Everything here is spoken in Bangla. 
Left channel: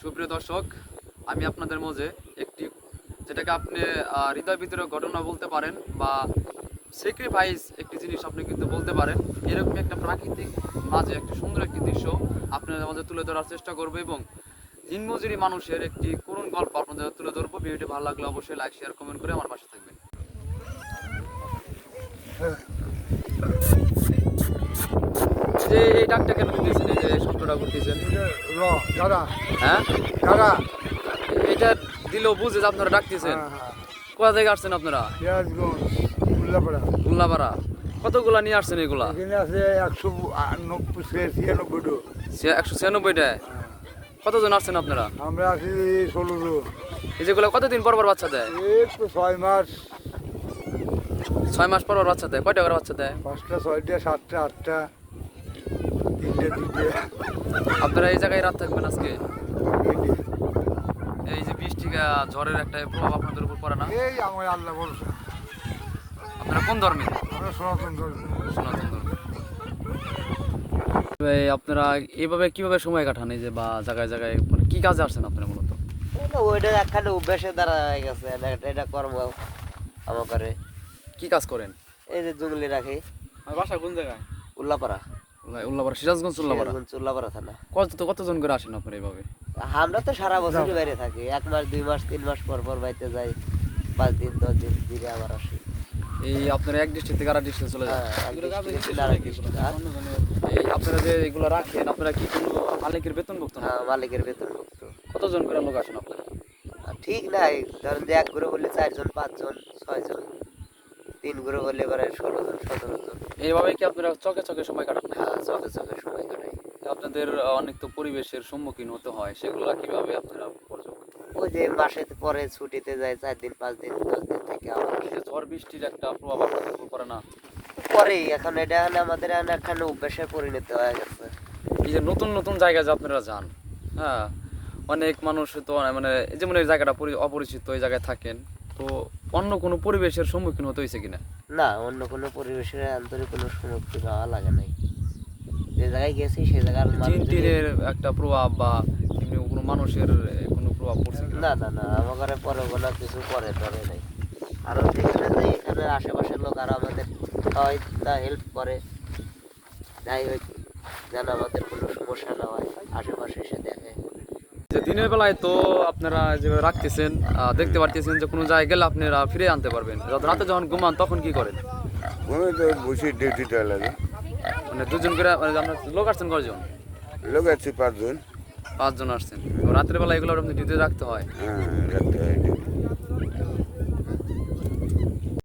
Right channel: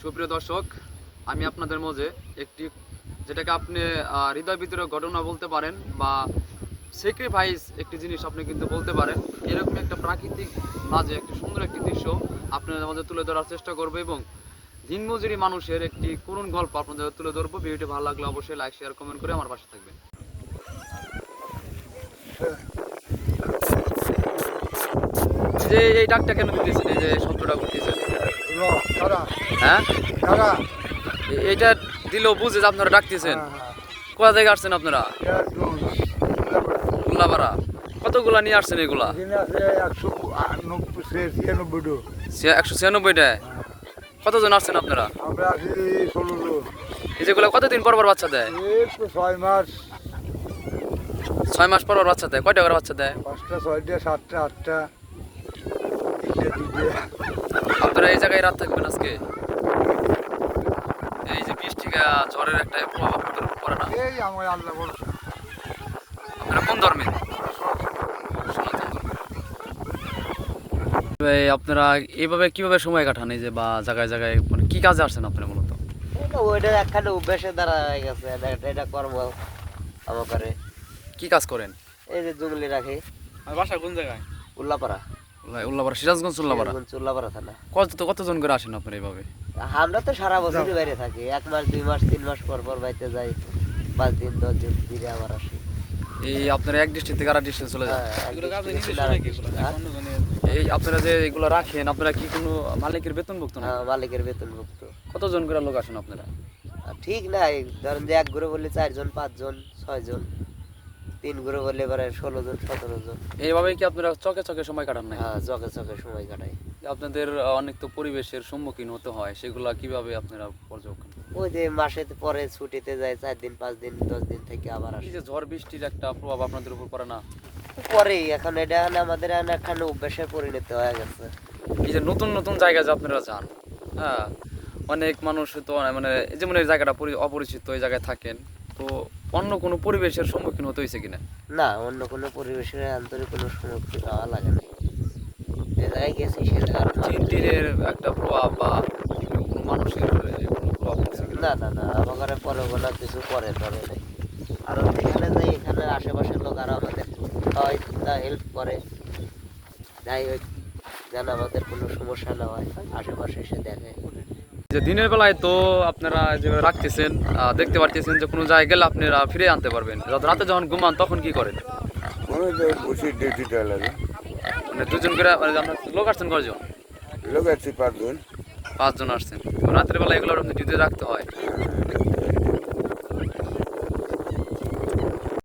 সুপ্রিয় দর্শক, আমি আপনাদের মাঝে একটি, যেটাকে আপনি হৃদয় ভিতরে ঘটনা বলতে পারেন বা স্যাক্রিফাইস একটি জিনিস আপনি কিন্তু বলতে পারেন। এরকম একটা প্রাকৃতিক মাঝে একটা সুন্দর একটি দৃশ্য আপনাদের মাঝে তুলে ধরার চেষ্টা করব এবং দিনমজুরি মানুষের একটি করুণ গল্প আপনাদের তুলে ধরবো। ভিডিওটি ভালো লাগলে অবশ্যই লাইক শেয়ার কমেন্ট করে আমার পাশে থাকবেন। যে এই ডাকটা কেন দিতেছেন? এই যে শব্দটা করতেছেন? দাদা হ্যাঁ? দাদা এটা দিলেও বুঝে যে আপনারা ডাকতেছেন। হ্যাঁ কোথা থেকে আসছেন আপনারা? উল্লাপাড়া কতগুলা নিয়ে আসছেন এগুলা? একশো ছিয়ানব্বইটা। কতজন আসছেন আপনারা? আমরা আছি ষোলো জন। এই যেগুলো কতদিন পর পর বাচ্চা দেয়? ছয় মাস। ছয় মাস পর পর বাচ্চা দেয়। কয়টা করে বাচ্চা দেয়? পাঁচটা ছয়টা সাতটা আটটা। আপনারা এই জায়গায় রাত থাকবেন আজকে? এই যে বৃষ্টি ঝড়ের একটা প্রভাব আপনাদের উপর পড়ে না? এই আমার আল্লাহ ভরসা আপনারা কোন ধর্মে? আমরা সনাতন ধর্মে। আপনারা এইভাবে কীভাবে সময় কাটান এই যে বা জায়গায় জায়গায়? মানে কি কাজে আসছেন আপনারা মূলত? এটা ওইটা একখানে অভ্যাসে হয়ে গেছে এটা এটা কর্ম আমার করে। কি কাজ করেন? এই যে জঙ্গলি রাখি। বাসা কোন জায়গায়? উল্লাপাড়া। উল্লাপাড়া সিরাজগঞ্জ উল্লাপাড়া উল্লাপাড়া থানা। কত কতজন করে আসেন আপনারা এইভাবে? আমরা তো সারা বছরই বাইরে থাকি। এক মাস দুই মাস তিন মাস পর পর বাড়িতে যাই। পাঁচ দিন দশ দিন ঘুরে আবার আসি। এই আপনারা এক ডিস্ট্রিক্ট থেকে আরেক ডিস্ট্রিক্ট চলে যান? হ্যাঁ, হ্যাঁ? এই আপনারা যে এগুলো রাখেন আপনারা কি কোনো মালিকের বেতনভুক্ত না হ্যাঁ, মালিকের বেতন মুক্ত কতজন করে লোক আসেন আপনারা? ঠিক নাই। ধরেন যে এক ঘুরে বললে চারজন পাঁচজন ছয়জন। তিন ঘুরে বললে এবারে ষোলো জন সতেরো জন। এইভাবে কি আপনারা চকে চকে সময় কাটান না হ্যাঁ চকে চকে সময় কাটাই। আপনাদের অনেক তো পরিবেশের সম্মুখীন হতে হয় সেগুলা কীভাবে আপনারা পর্যবেক্ষণ ওই যে মাসে পরে ছুটিতে যায় চার দিন পাঁচ দিন দশ দিন থেকে আবার। ঝড় বৃষ্টির একটা প্রভাব আপনাদের উপর পড়ে না? পরে এখন এটা হলে আমাদের এখন অভ্যাসে পরিণত হয়ে গেছে। এই যে নতুন নতুন জায়গায় যে আপনারা যান হ্যাঁ অনেক মানুষ তো মানে এই যেমন এই জায়গাটা পরি- অপরিচিত এই জায়গায় থাকেন তো অন্য কোনো পরিবেশের সম্মুখীন হতে হয়েছে কিনা? না অন্য কোনো পরিবেশের আন্তরিক কোনো সম্মুখীন হওয়া লাগে নাই। যে জায়গায় গেছি সে জায়গার মানুষ- একটা প্রভাব বা কোনো মানুষের কোনো প্রভাব পড়ছে কিনা? না না না আমার ঘরে পরে কোনো কিছু পরে ধরে নাই। আর যেখানে যাই এখানে আশেপাশের লোক আরও আমাদের হয় তা হেল্প করে। যাই হোক যেন আমাদের কোনো সমস্যা না হয় আশেপাশে এসে দেখে। যে দিনের বেলায় তো আপনারা যেভাবে রাখতেছেন দেখতে পারতেছেন যে কোনো জায়গায় গেলে আপনারা ফিরে আনতে পারবেন। রাতে যখন ঘুমান তখন কি করেন? বসে ডিউটিটা লাগে। মানে দুজন করে মানে লোক আসছেন কজন লোক আছে পাঁচজন। পাঁচজন আসছেন। রাতের বেলা এগুলো আপনি ডিউটি রাখতে হয় রাখতে হয়।